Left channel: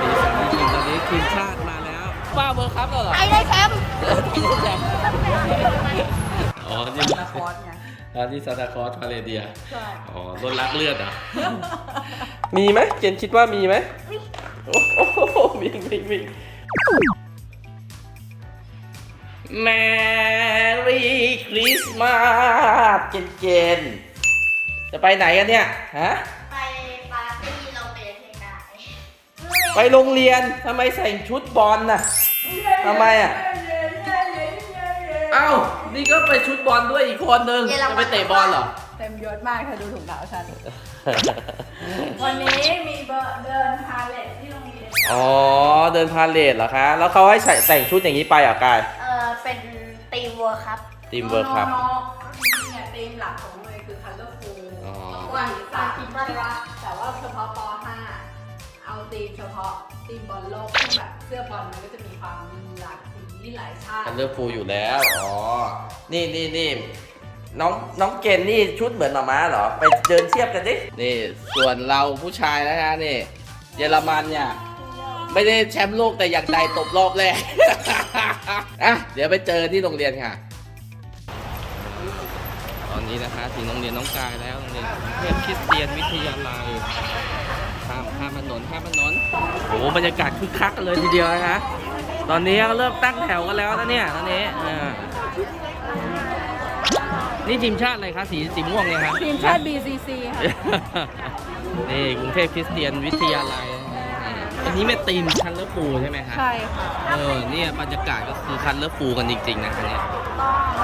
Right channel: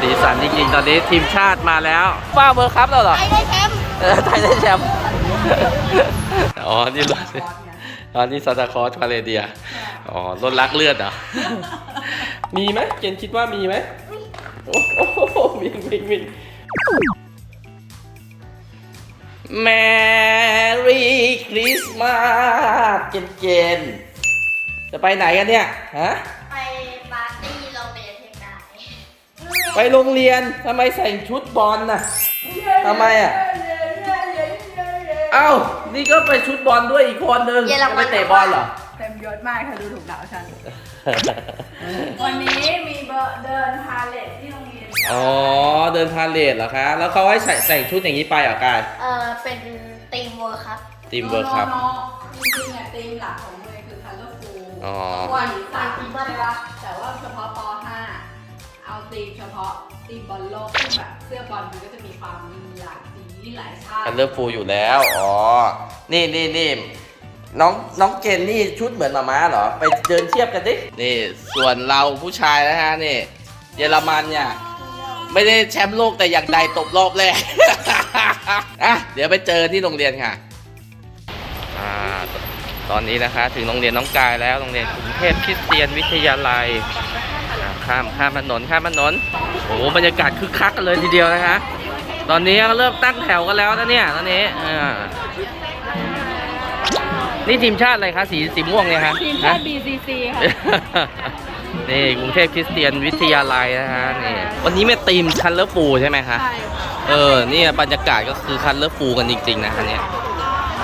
สีสันจริงๆ ตอนนี้ทีมชาติมาแล้วฟาเบอร์ครับเราหรอไทยได้แชมป์ไทยได้แชมป์อ๋อ นี่ตอนนี้ซาตาคอสมาเลเดียอ๋อลดรักเลือดอ่ะมีไหมเกณฑ์คิดว่ามีไหมโอ้โหวิ่งวิ่งวิ่งแมรี่คริสต์มาสเกณฑ์จะไปไหนกันเนี่ย ฮะไปโรงเรียนทำไมใส่ชุดบอลน่ะทำไมอ่ะเอ้านี่ก็ไปชุดบอลด้วยอีกคนนึงจะไปเตะบอลเหรอ เต็มยศมากค่ะ ดูถุงดาวฉันวันนี้มีเบอร์เดินพาเลทที่โรงเรียน อ๋อ เดินพาเลทเหรอคะ แล้วเขาให้ใส่แต่งชุดอย่างนี้ไปอ่ะกายเออเป็นทีมเวิร์คครับทีมเวิร์คครับนี่ยีมหลักของเมย์คือคัลเลอร์ฟูลวันใส่ทีมเวิร์คแต่ว่าเฉพาะป .5 เอาตีมเฉพาะตีมบอลโลกที่แบบเสื้อบอลมันก็จะมีความมีหลากสีหลายชาติอันเลือกฟูอยู่แล้ว อ๋อ นี่นี่นี่ น้องน้องเกนนี่ชุดเหมือนมาม้าเหรอ ไปเจินเทียบกันสินี่ ส่วนเราผู้ชายนะฮะ นี่ เยอรมันเนี่ย ไม่ได้แชมป์โลกแต่อย่างใดตบรอบแรกอ่ะเดี๋ยวไปเจอที่โรงเรียนค่ะอ่าตอนนี้นะคะถึงโรงเรียนน้องกายแล้วโรงเรียนกรุงเทพคริสเตียนวิทยาลัยข้ามข้ามถนนข้ามถนนโอ้บรรยากาศคึกคักกันเลยทีเดียวนะฮะตอนนี้เริ่มตั้งแถวกันแล้วนะเนี่ยตอนนี้อ่านี่ทีมชาติอะไรคะสีสีม่วงเนี่ยฮะทีมชาติ BCC ค่ะนี่กรุงเทพคริสเตียนวิทยาลัยนะฮะนี่วันนี้ไม่ตีมคันเลอร์ฟูใช่ไหมคะเออนี่บรรยากาศก็คือคันเลอร์ฟูกันจริงๆนะฮะเนี่ย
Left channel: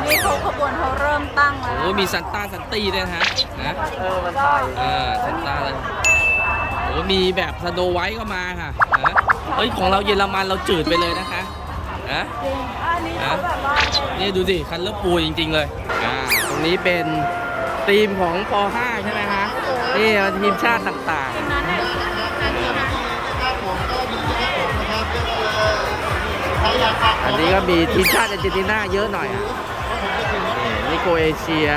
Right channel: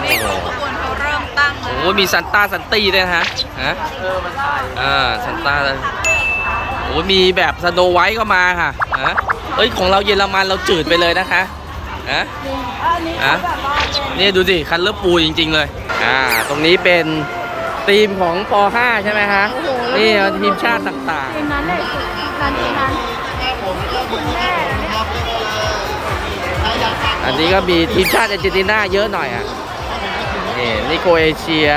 นี่ขบวนเขาเริ่มตั้งแล้วโอ้มีซันต้าซันตี้ด้วยฮะฮะเออซันต้ามีแบบสโนไวท์ก็มาค่ะเอ้ย ของเราเยอรมัน เราจืดไปเลยนะคะฮะนี่ดูสิคันเลือปูจริงๆเลยอ่าตรงนี้เป็นทีมของปาใช่ไหมคะ นี่ทีมชาติต่างๆ อันนี้ก็มีทีมชาติอาร์เจนตินาเยอะหน่อยอ่ะนี่นี่โคเอเชีย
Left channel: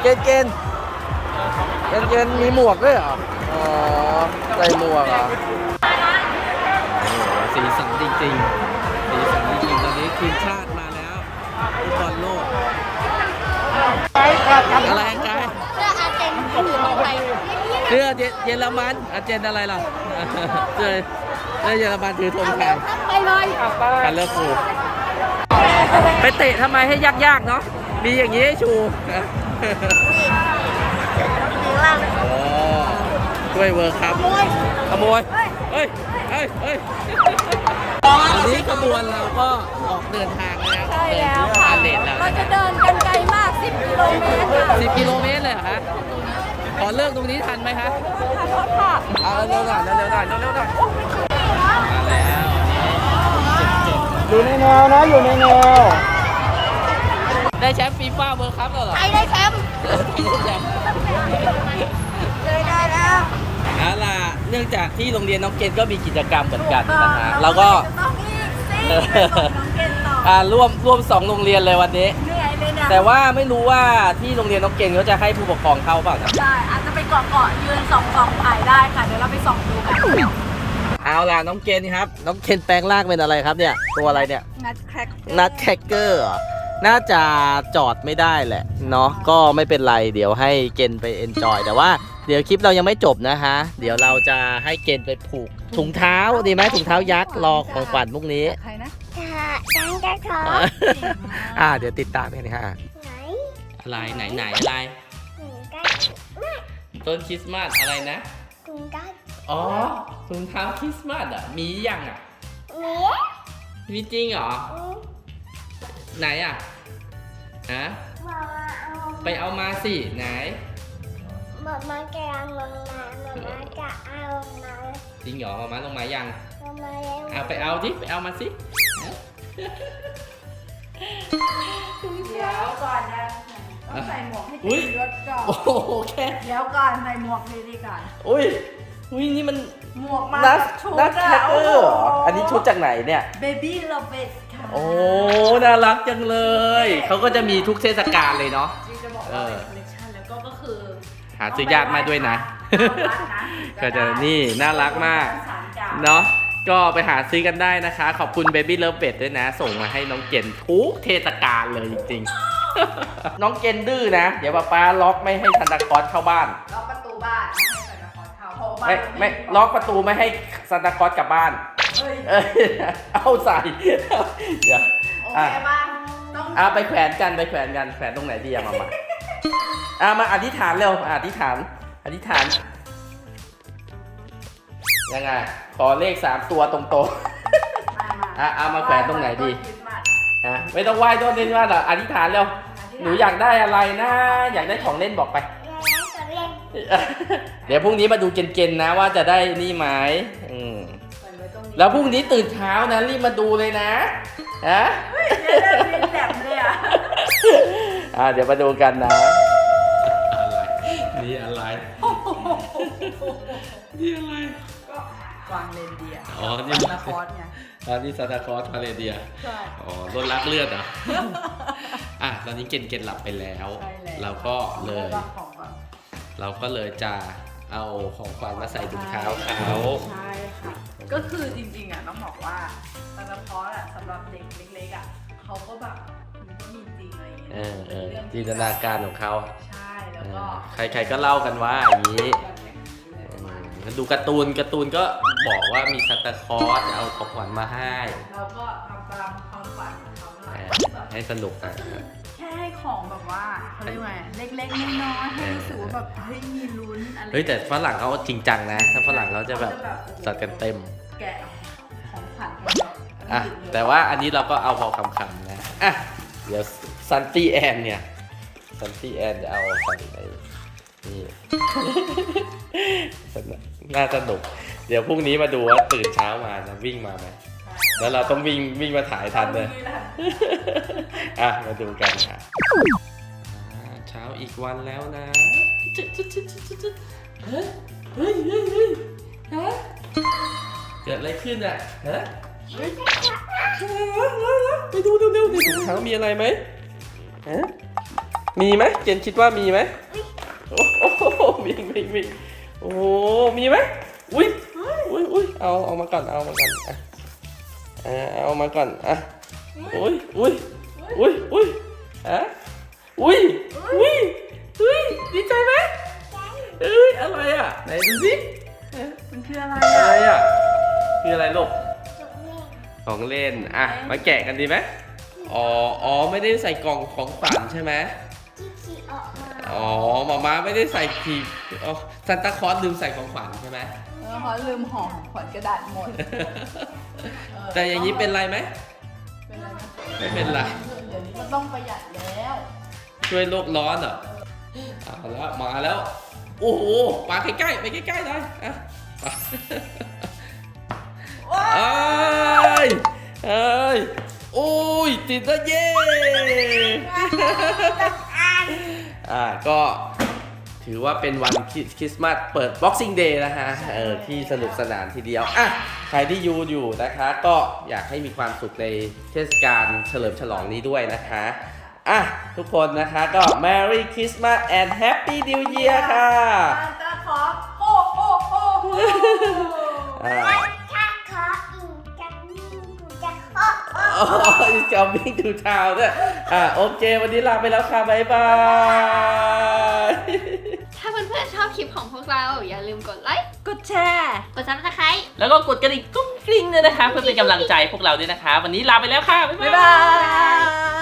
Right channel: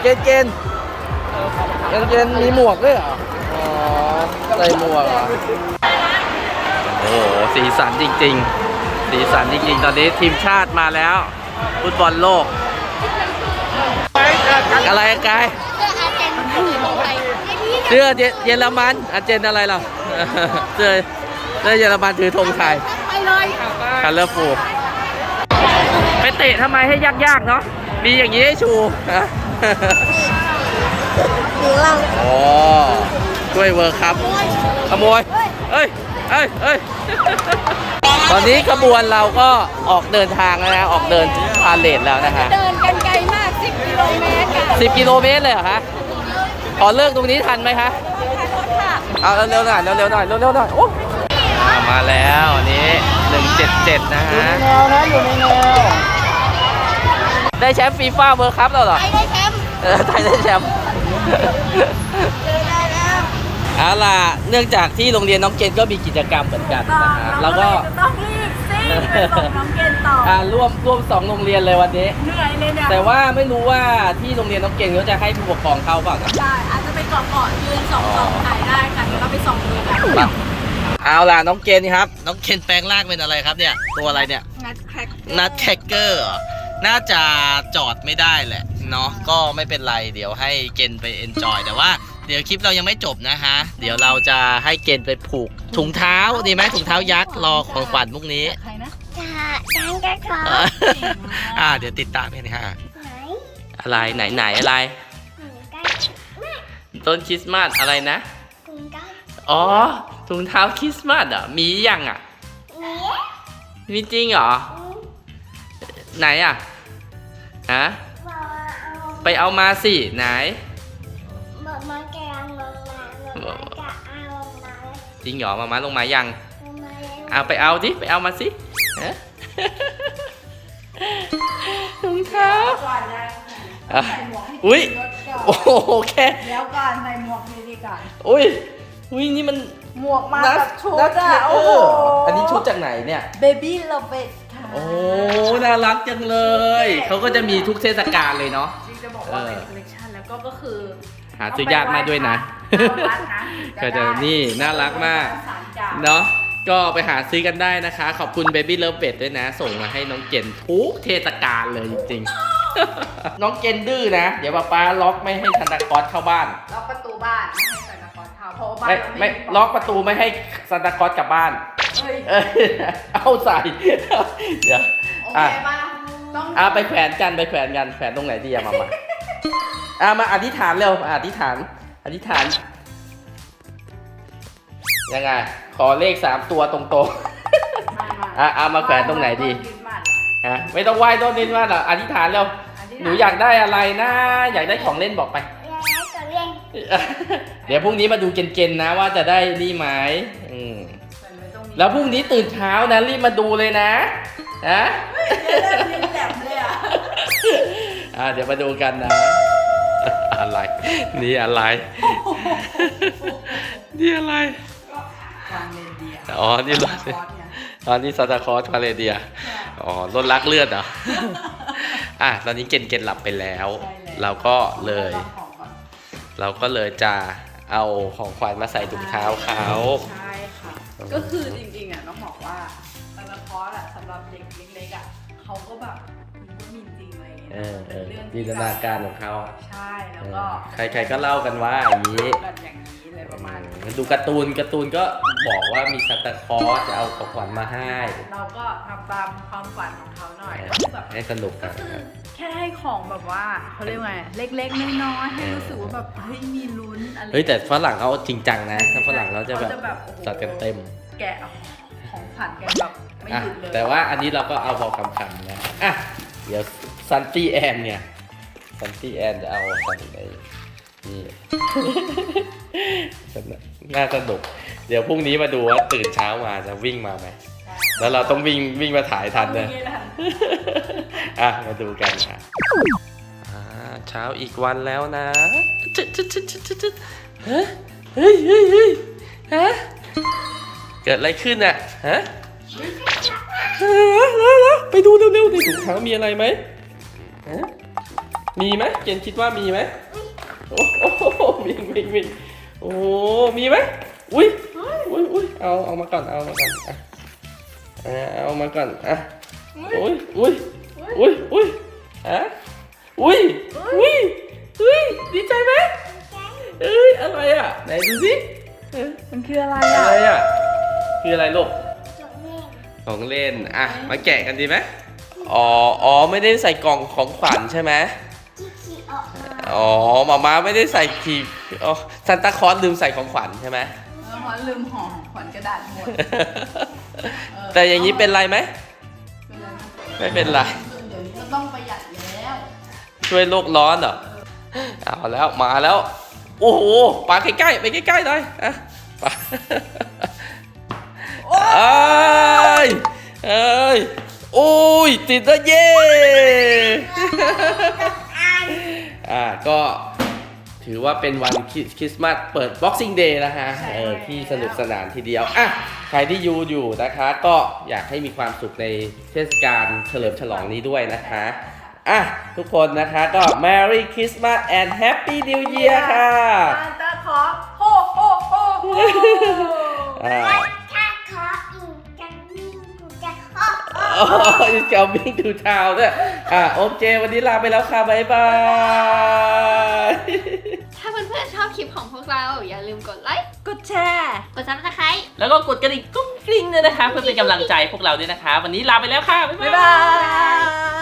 เกนเกนเกนเกนมีหมวกด้วยเหรออใส่หมวกหรอโอ้โห สีสันจริงๆ สีสันจริงๆ ตอนนี้ทีมชาติมาแล้วฟุตบอลโลก อะไรกายเสื้อเยอรมัน อาเจนอะไรล่ะเสื้อเสื้อเยอรมันถือธงไทยคาร์ลฟูไปเตะทำไมให้ยากๆเนาะมีอย่างนี้ให้ชูอ๋ช่วยเวิร์ครับขโมยเฮ้ยเฮ้ยเฮ้ย ตอนนี้ขบวนเราก็ออกเดินทางแล้วนะ ออกเดินพาเลทแล้วนะฮะเราจะเดินกันไกลมาก10กิโลเมตรค่ะ10กิโลเมตรเลยเหรอคะขอเลิกตรงนี้ทันไหมคะเอาเร็วหน่อย เร็วหน่อย เร็วหน่อยมาแล้วนี้177นะฮะได้แชมป์ฟีฟ่าเวิร์ครับเราหรอไทยได้แชมป์ไทยได้แชมป์เอาล่ะ เนื่องจากที่โรงเรียนน้องเกณฑ์ก็มีกิจกรรมเหมือนกันนะฮะแล้วก็ต้องรีบซิบอกน้องเกณฑ์ต่ออ่ร่วมร่วมสองโรงเรียนเลยวันนี้เหนื่อยเลยเนี่ยแต่ว่าไม่รู้ว่าที่โรงเรียนน้องเกณฑ์เขาจะให้ผู้ปกครองเข้าเปล่าครับได้ อาจจะไปเกาะเกาะยืนสองกองถ่ายได้ค่ะเดี๋ยวเราไปสองมือค่ะเอาล่ะน้องเกณฑนครับ น้องเกณฑ์แปลงร่างเป็นอะไรครับเนี่ย ตัวอะไรเนี่ยนัดแครกเกอร์น่าจะจอดไม่ได้แหละเนาะก็ไม่เป็นไรเดี๋ยวให้เกณฑ์ไปเอนจอยแต่ว่าเดี๋ยวคลิปเรายังไม่จบนะฮะ เดี๋ยวเราจะให้เกณฑ์ไปผูก ถุงเท้าดีไหมถุงเท้ายักษ์รอของขวัญพวกนี้ใครนะอ่าเดี๋ยวติดตามกันฮะไหนอะไรไหนไหนอะไรต้นคริสต์มาสอะไรนะถุงอ๋อถุงเท้าคริสต์มาสอ่ะมียังอ่ะมีมีจริงเหรอไหนอ่ะฮะไปเอามาสิไหนมาจะเอาลงมาจริงหรอมามาลงมายัง เอาไปเอาดิไปเอามาสิถุงเท้าอุ้ยโอเคแล้วก่อนใส่หมวกดีกันอุ้ยอุ้ยนี่มัน หมวกมาชุดแท็กเกอร์อันนี้ชุดจากไหนเนี่ยเบบี Baby l o ค่ะ โอ้ น่ารักจังเลย เขาก็จะมีทุกเทศกาลเลยเนาะจริงจะบอกว่าเป็นคอลเลคชันแล้วก็ก็คือาซื้อญากมากด้วยนะ ก็จะนี่น่ารักมากเนาะ ก็ไปหาซื้อกันได้นะคะขอบคุณ Baby Love Pet ด้วยนะ ส่งมาให้น้อง เกนทุกเทศกาลเลยจริงๆ น้องเกนดื้อนะ เดี๋ยวป้าป้าล็อกไม่ให้ซันตาคอสเข้าบ้าน ล็อกประตูบ้าน ไม่ให้ซันตาคอสเข้าเพราะบานไม่ล็อกประตูไม่ให้ซันตาคอสกลับบ้าน เอ้ยเอาใส่ เดี๋ยวโอเคป้างอ่ะไปแขวนกันไปแขวนกันแขวนตรงไหนดีอะมามาอามาอธิษฐานเร็วอธิษฐาน อธิษฐานยังไงขอเลขสามตัวตรงๆอ่ะเอามาแขวนตรงไหนดีฮะไม่ต้องไหว้ต้นนี้ว่าหรออธิษฐานเร็วหนูอยากได้อะไรนะอยากได้ของเล่นบอกไป เดี๋ยวพรุ่งนี้มาดูเกณฑ์นะว่าจะได้นี่ไหมแล้วพรุ่งนี้ตื่นเช้านะรีบมาดูเลยนะฮะอ่าเดี๋ยวมาดูกันนะอะไรนี่อะไรนี่อะไร ก็วางเลเดียอ๋อนี่ซาตาคอสอนนี้ซาตาคอสวางเลเดียอ๋อลดรักเลือดเหรออ่ะตอนนี้เกณฑ์เกณฑ์หลับไปแล้ว เราก็เลย เราก็เลยจะเอาของขวัญมาใส่ถุงเท้าเขาก็คือจริงๆอ่ะน้องบอกว่าซาตาคอสอ่ะสำหรับเด็กเล็กๆอ่ะเขาก็แบบจินตนาการของเขาอ่ะใช่ แล้วก็ ใครๆก็เล่ากันว่าอย่างนี้ ดูการ์ตูนการ์ตูนก็บอกว่ามีซันตาคอร์สจะเอาของขวัญมาให้ เราก็ทำตามความฝันของเขาหน่อยให้สนุกครับแค่ของแบบว่าเขาเรียกว่าเล็กๆน้อยๆให้รู้สึกว่าแบบเฮ้ยมีลุ้นอะไร เฮ้ยแต่ฝรั่งเขาจริงจังนะถ้าฝรั่งเขาจะแบบจัดกันเต็ม แกะของขวัญแกแบบไม่หยุดเลย แต่ว่าอันนี้เราก็เอาพอคำๆนะ อ่ะเดี๋ยวซันตี้แอนเนี่ยซันตี้แอนจะเอาฟันไปนี่น่าสนุกเดี๋ยวพรุ่งนี้มาดูว่าตื่นเช้ามาจะวิ่งมาไหมแล้วเราต้องวิ่งวิ่งมาถ่ายทันเลยอ่ะมาดูกันค่ะเช้าอีกวันแล้วนะเฮ้ยเฮ้ยเฮ้ยฮะเกิดอะไรขึ้นเนี่ยฮะไปดูเร็วๆในถุงเท้ามีอะไรไหม มีไหมเกียนคิดว่ามีไหมโอ้วิมีมี่งโอ้ มีไหมอุ้ย อุ้ยอุ้ยเอาเอามาก่อน เอามาก่อนอ่ะเอามาก่อน อ่ะ อุ้ยอุ้ยอุ้ยอุ้ยอ่ะอุ้ยอุ้ยอุ้ยดีใจไหมใอุ้ย อะไรอ่ะไหนดูสิมันคืออะไรอะไรอ่ะคืออะไรลูกของเล่น อ่ะ มาแกะกันดีไหมอ๋ออ๋อไม่ได้ใส่กล่องของขวัญใช่ไหมอ๋อ มาม่าไม่ได้ใส่ทีอ๋อซันตาคอสลืมใส่ของขวัญใช่ไหมซันตาคอสลืมห่อขวัญกระดาษแต่อย่างนี้เป็นไรไหมไม่เป็นไรต้องประหยัดแล้ว ช่วยโลกร้อนเหรอเอาแล้ว มาแล้ว โอ้โหปลาใกล้ๆไปใกล้ๆหน่อยอ่ะปยโอ้ยติดแล้วเย่อาก็ ถือว่าเป็นวันคริสต์มาสเปิด Boxing Day นะฮะ เออที่สนุกสนานทีเดียวอ่ะใครที่ยูอยู่นะคะ ก็อยากให้มีความสุขในเทศกาลเฉลิมฉลองนี้ด้วยนะคะ อ่ะ ทุกคนนะคะก็ Merry Christmas and Happy New Year ค่ะจะขอโฮโฮโฮอ is coming to town เนี่ยอ่าโอเควันนี้ลาไปแล้วค่ะ บ๊ายบาย ถ้าเพื่อนๆชอบคลิปของพวกเรา อย่าลืมกดไลค์ กดแชร์ กดซับสไครต์แล้วก็กดกระดิ่งกุ้งกริ้งด้วยนะคะ เพื่อเป็นกำลังใจพวกเราด้วยนะคะ วันนี้ลาไปแล้วค่ะ บ๊ายบาย